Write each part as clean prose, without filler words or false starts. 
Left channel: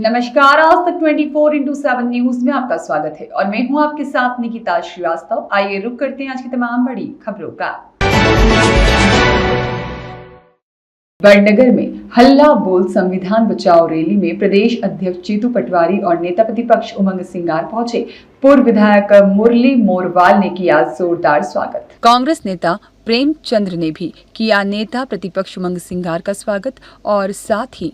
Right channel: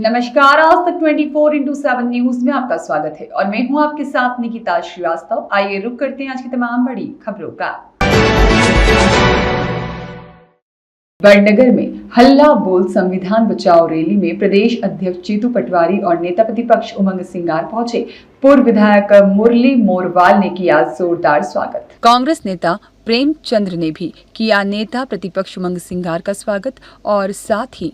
नमस्कार, आज तक 24/7 न्यूज में आपका स्वागत है और मैं हूं आपके साथ निकिता श्रीवास्तव। आइए रुक करते हैं आज की तमाम बड़ी खबरों का। वडनगर में हल्ला बोल संविधान बचाओ रैली में प्रदेश अध्यक्ष जीतू पटवारी और नेता प्रतिपक्ष उमंग सिंगार पहुंचे। पूर्व विधायक मुरली मोरवाल ने किया जोरदार स्वागत। कांग्रेस नेता प्रेमचंद्र ने भी किया नेता प्रतिपक्ष उमंग सिंगार का स्वागत और साथ ही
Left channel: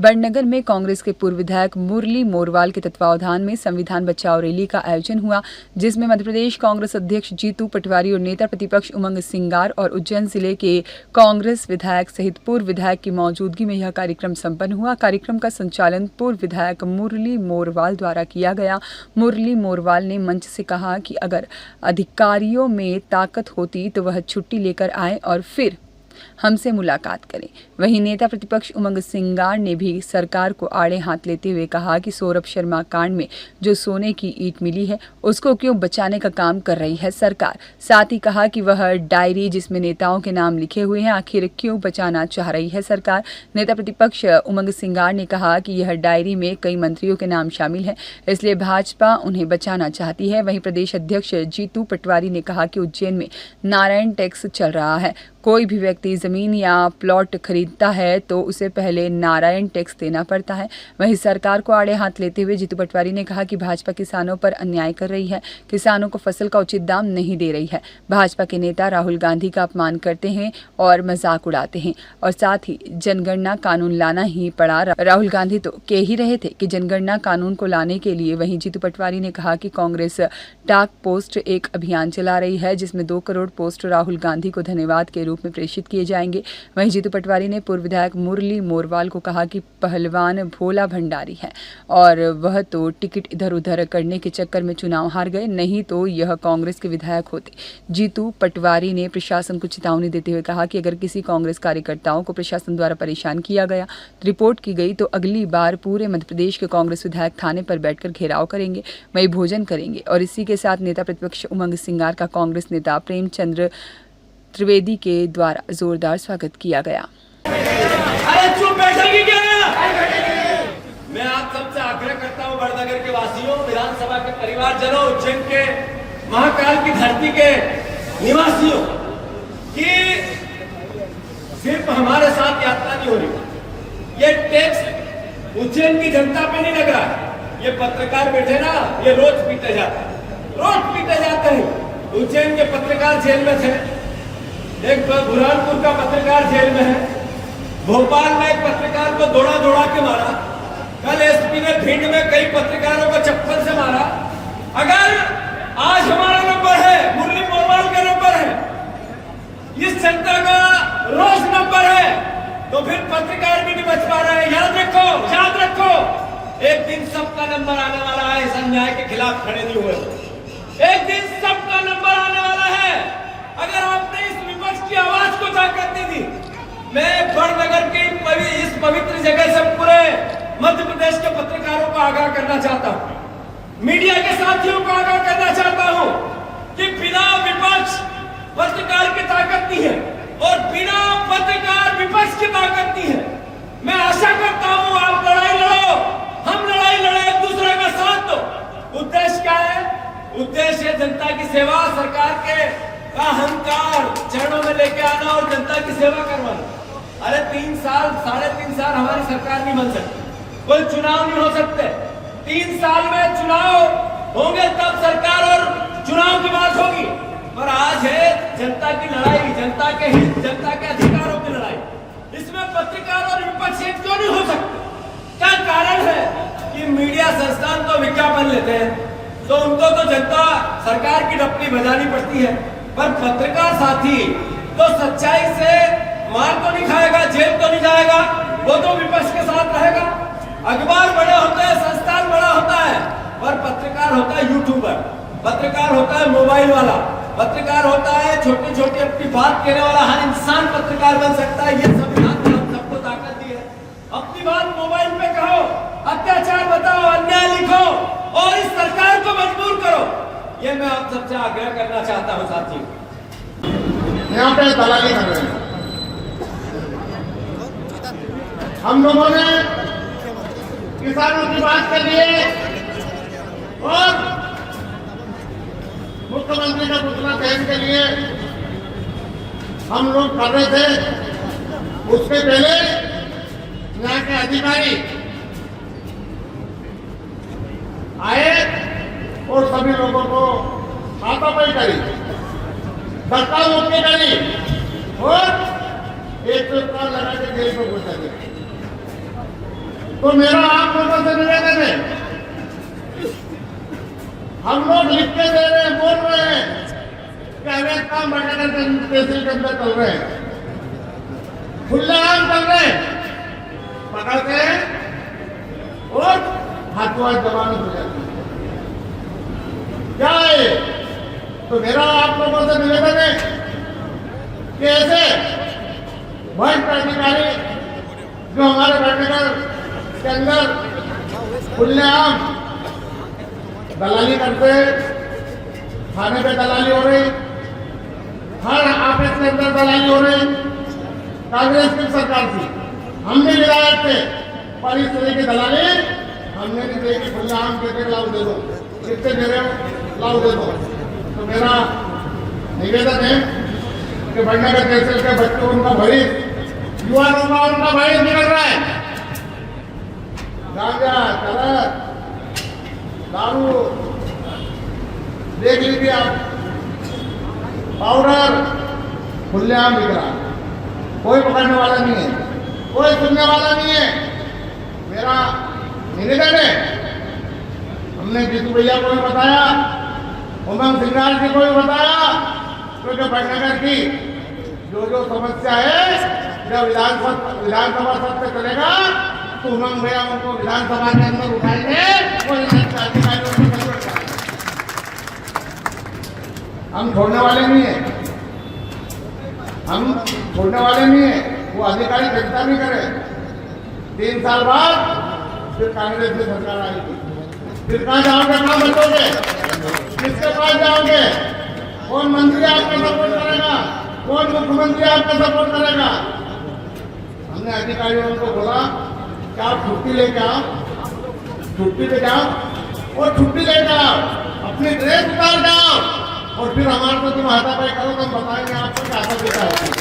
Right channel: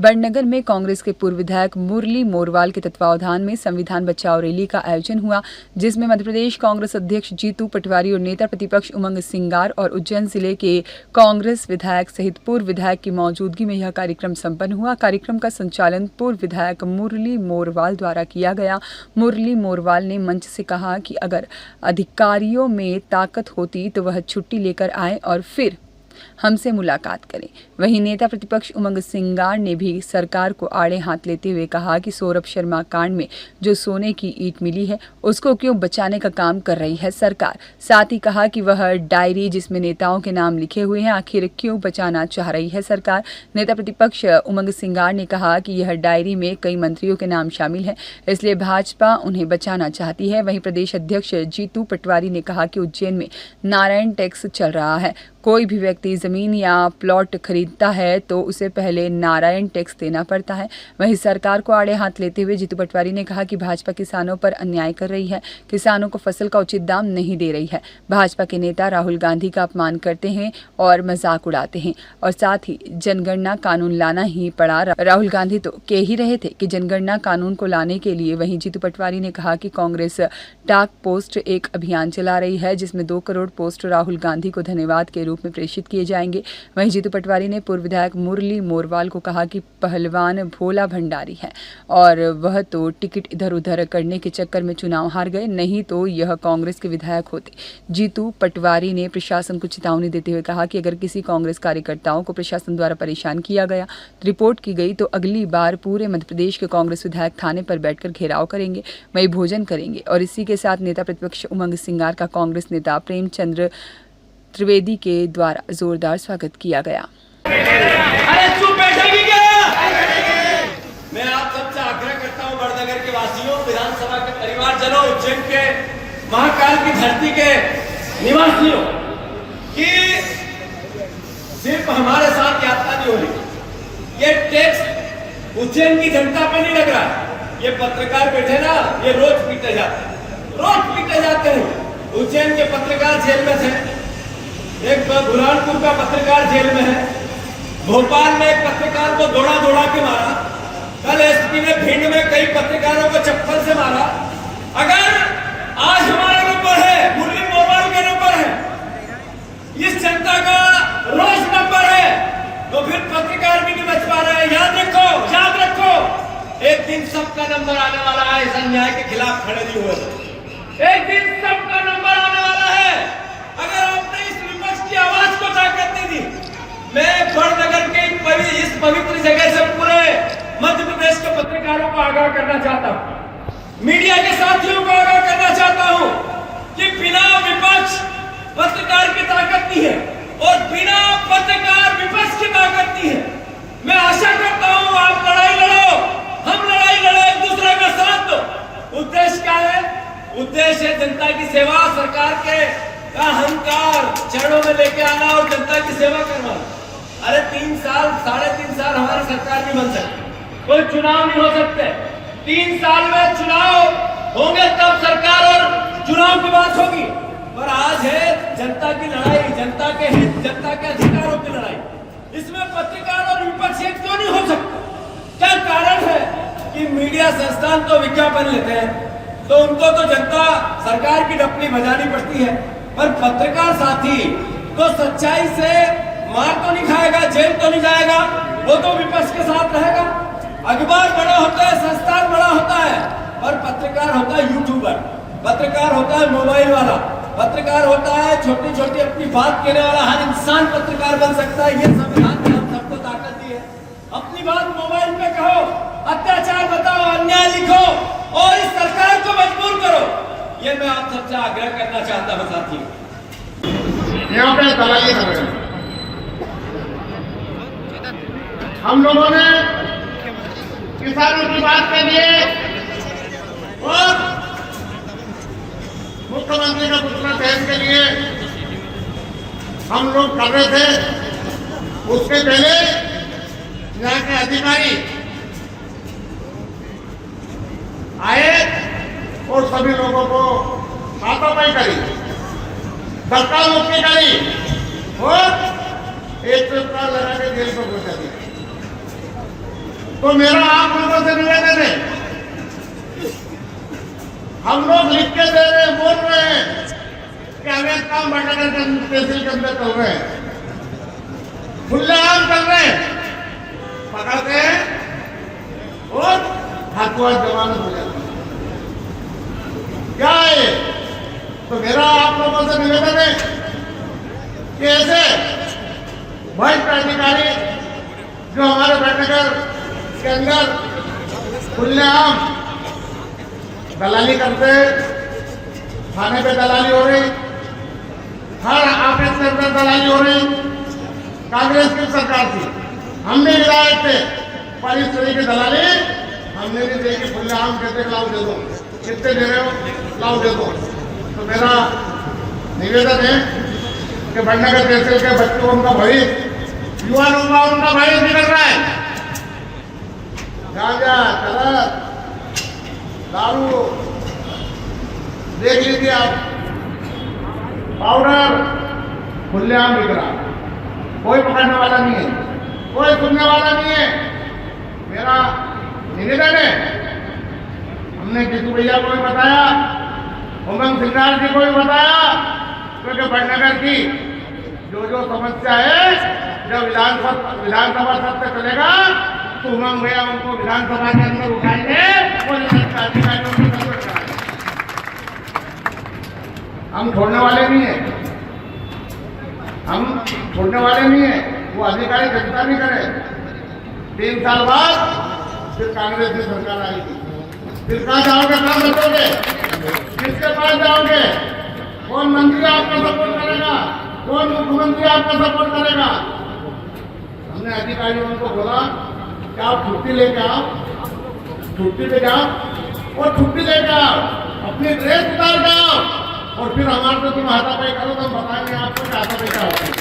वडनगर में कांग्रेस के पूर्व विधायक मुरली मोरवाल के तत्वावधान में संविधान बचाओ रैली का आयोजन हुआ, जिसमें मध्य प्रदेश कांग्रेस अध्यक्ष जीतू पटवारी और नेता प्रतिपक्ष उमंग सिंगार और उज्जैन जिले के कांग्रेस विधायक सहित पूर्व विधायक की मौजूदगी में यह कार्यक्रम संपन्न हुआ। कार्यक्रम का संचालन पूर्व विधायक मुरली मोरवाल द्वारा किया गया। मुरली मोरवाल ने मंच से कहा कि अगर अधिकारियों में ताकत होती तो वह छुट्टी लेकर आए और फिर हमसे मुलाकात करें। वहीं नेता प्रतिपक्ष उमंग सिंगार ने भी सरकार को आड़े हाथ लेते हुए कहा कि सौरभ शर्मा कांड में जो सोने की ईंट मिली है उसको क्यों बचाने का काम कर रही है सरकार। साथ ही कहा कि वह डायरी जिसमें नेताओं के नाम लिखे हुए हैं आखिर क्यों बचाना चाह रही है सरकार। नेता प्रतिपक्ष उमंग सिंगार ने कहा कि यह डायरी में कई मंत्रियों के नाम शामिल है, इसलिए भाजपा उन्हें बचाना चाहती है। वहीं प्रदेश अध्यक्ष जीतू पटवारी ने कहा कि उज्जैन में नारायण टैक्स चल रहा है। कोई भी व्यक्ति जमीन या प्लॉट खरीदता है तो उसे पहले नारायण टैक्स देना पड़ता है। वहीं सरकार को आड़े हाथ लेते हुए जीतू पटवारी ने कहा कि भाजपा किसानों पर अन्याय कर रही है, किसानों को फसल का उचित दाम नहीं दे रही है। भाजपा के नेता राहुल गांधी का अपमान करते हैं और मजाक उड़ाते हैं और साथ ही जनगणना कानून लाना ही पड़ा। राहुल गांधी तो कह ही रहे थे कि जनगणना कानून को लाने के लिए। वहीं जीतू पटवारी ने कहा कि कांग्रेस डाक पोस्ट एक अभियान चला रही है जिसमें 2 करोड़ पोस्ट राहुल गांधी को धन्यवाद के रूप में प्रेषित किए जाएंगे। वहीं जीतू पटवारी ने पूर्व विधायक मुरली मोरवाल को कहा कि पहलवान भोला भंडारी है और वह तो टिकट इधर उधर करने के चक्कर में चुनाव हार गए, नहीं तो यह कांग्रेस के विधायक होते। जीतू पटवारी ने प्रशासन को चेतावनी देते हुए कहा कि अगर किसी कांग्रेस कार्यकर्ताओं को प्रशासन द्वारा परेशान किया गया, रिपोर्ट की गई तो अगली बार पूरे मध्य प्रदेश के कांग्रेस विधायक थाने पर बैठकर घेराव करेंगे, वही भोजन करेंगे। और इसी के साथ नेता प्रतिपक्ष उमंग सिंगार का कांग्रेस नेता प्रेमचंद्र त्रिवेदी के द्वारा जोरदार स्वागत किया गया। अरे चुप बैठेगी क्या? मैं आप सबसे आग्रह करता हूं, वडनगर के वासियों, विधानसभा के परिवारजनों, उज्जैन के महाकाल की धरती के निवासियों, कि सिर्फ हमारे साथ यात्रा नहीं हो रही। ये टैक्स उज्जैन की जनता पे नहीं लग रहा। ये पत्रकार बैठे ना, ये रोज पीटे जाते हैं। उज्जैन के पत्रकार जेल में थे, एक बुरहानपुर का पत्रकार जेल में है, भोपाल में एक पत्रकार को दौड़ा के मारा, कल एसपी ने भिंड में कई पत्रकारों को चप्पल से मारा। अगर आज हमारा नंबर है, मुरली मोरवाल का नंबर है, इस जनता का रोज नंबर है, तो फिर पत्रकार भी नहीं बच पा रहा है। याद रखो, एक दिन सबका नंबर आने वाला है। इस अन्याय के खिलाफ खड़े नहीं हुए, एक दिन सबका नंबर आने वाला है। अगर आपने इस विपक्ष की आवाज को ताकत नहीं दी, मैं वडनगर की इस पवित्र जगह से पूरे मध्य प्रदेश के पत्रकारों को आगाह करना चाहता हूं, मीडिया के साथियों को आगाह करना चाहता हूं कि बिना विपक्ष पत्रकार की ताकत नहीं है और बिना पत्रकार विपक्ष की ताकत नहीं है। मैं आशा करता हूं आप लड़ाई लड़ो, हम लड़ाई लड़े, एक दूसरे का साथ दो। उद्देश्य क्या है? उद्देश्य है जनता की सेवा, सरकार के अहंकार चरणों में लेके आना और जनता की सेवा करवाना। अरे 3 साल 3.5 साल हमारी सरकार नहीं बन सकती, कोई चुनाव नहीं हो सकते। 3 साल में चुनाव होंगे तब सरकार और चुनाव की बात होगी। पर आज है जनता की लड़ाई, जनता के हित, जनता के अधिकारों की लड़ाई। इसमें पत्रकार और विपक्ष क्यों नहीं हो सकते? क्या कारण है कि मीडिया संस्थान तो विज्ञापन लेते हैं तो उनको तो जनता सरकार की डपली बजानी पड़ती है, पर पत्रकार साथी तो सच्चाई से मार तो नहीं खाएगा, जेल तो नहीं जाएगा, वो तो विपक्ष के साथ रहेगा। अखबार बड़े होते हैं, संस्थान बड़ा होता है, पर पत्रकार होता है यूट्यूबर, पत्रकार होता है मोबाइल वाला, पत्रकार होता है छोटी छोटी अपनी बात कहने वाला। हर इंसान पत्रकार बन सकता है। ये संविधान ने हम सबको ताकत दी है। अपनी बात मोबाइल पे कहो, अत्याचार बताओ, अन्याय लिखो और इस सरकार को मजबूर करो। ये मैं आप सबसे आग्रह करना चाहता हूँ साथी। यहाँ पे दलाली कर रहे हैं। हम लोगों ने किसानों की बात के लिए और मुख्यमंत्री का पुतला दहन के लिए हम लोग कर रहे थे। उसके पहले यहाँ के अधिकारी आए और सभी लोगों को हाथापाई करी, धक्का मुक्की करी और एक पेपर लगा के जेल पर पहुंचा दिया। तो मेरा आप लोगों से निवेदन है, हम लोग लिख के दे रहे हैं, बोल रहे हैं कि अवैध काम बटाकर तहसील के अंदर चल रहे हैं, खुलेआम चल रहे हैं, पकड़ते हैं और हाथों हाथ जमानत हो जाती है। क्या है? तो मेरा आप लोगों से निवेदन है कि ऐसे भ्रष्ट अधिकारी जो हमारे भटनगर के अंदर खुलेआम दलाली करते, थाने पे दलाली हो रही, हर ऑफिस के अंदर दलाली हो रही। कांग्रेस की सरकार थी, हम भी विधायक थे, पर इस तरह की दलाली हमने भी देखी। खुलेआम कहते लाओ दे दो, कितने दे रहे हो, लाओ दे दो। तो मेरा निवेदन है कि भटनगर तहसील के बच्चों, उनका भविष्य, युवाओं का उनका भविष्य निकल रहा है। गांजा, चरस, दारू देख लीजिए आप, पाउडर खुलेआम बिक रहा, कोई पकड़ने वाला नहीं है, कोई सुनने वाला नहीं है। मेरा निवेदन है, हमने जीतू भैया को भी बताया, उमंग सिंगार जी को भी बताया, क्योंकि भटनगर की जो समस्या है, जब विधानसभा सत्र चलेगा तो उमंग भैया उनको विधानसभा के अंदर उठाएंगे और अधिकारियों को कंट्रोल कराएंगे। हम छोड़ने वाले नहीं है, हम छोड़ने वाले नहीं है। वो अधिकारी चिंता नहीं करे, 3 साल बाद फिर कांग्रेस की सरकार आएगी, फिर कहाँ जाओगे, कहाँ बचोगे, किसके पास जाओगे, कौन मंत्री आपका सपोर्ट करेगा, कौन मुख्यमंत्री आपका सपोर्ट करेगा। हमने अधिकारियों को बोला कि आप छुट्टी लेके आओ, छुट्टी पे जाओ और छुट्टी लेके आओ, अपनी ड्रेस उतार के आओ और फिर हमारे को तुम हाथापाई करो तो हम बताएंगे आपको कि हाथापाई क्या होती है।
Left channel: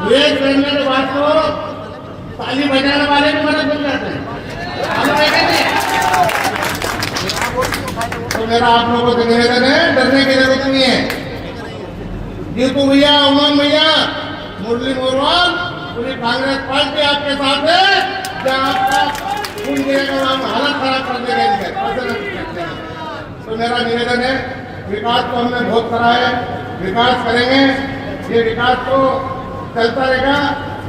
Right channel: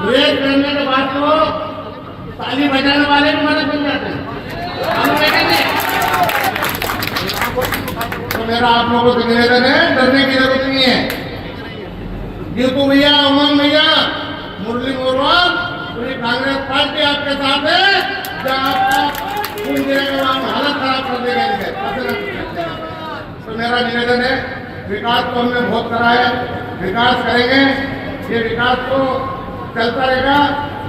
ड्रेस पहनने के बाद को ताली बजाने वाले भी मदद बन जाते हैं, हम देखेंगे। तो मेरा आप लोगों से निवेदन है, डरने की जरूरत नहीं है। जीतू भैया, उमंग भैया, मुरली मोरवाल, पूरी कांग्रेस पार्टी आपके साथ है। जहाँ आपका खून गिरेगा वहाँ हालत खराब कर देगा इनसे, ऐसे नहीं सकते हैं। तो मेरा निवेदन है, विकास तो हमने बहुत करा है, विकास करेंगे, ये विकास तो चलता रहेगा।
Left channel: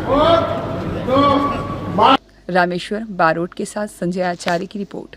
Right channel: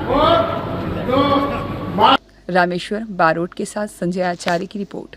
और जो रामेश्वर बारोट के साथ संजय आचार्य की रिपोर्ट।